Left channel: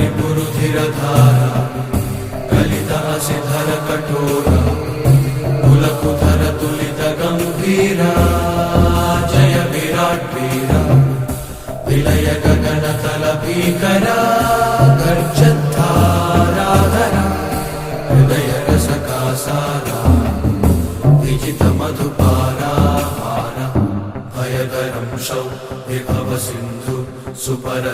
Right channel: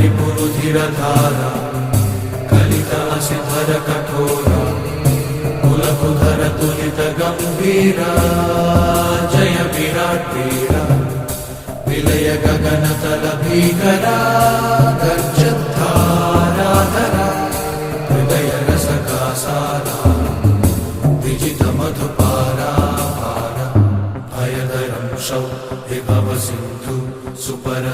रिपुरुधिरधारा कलितासिधर कठोरा कुलकुधर तुलित गंभीरा जय विराट वीरा विलय गगन तल भीकरा गर्जद्धाराधरा हृदय रसका सारा विजित मधुपारा हारा भयदरं शौ विभव सिन्धु सुपर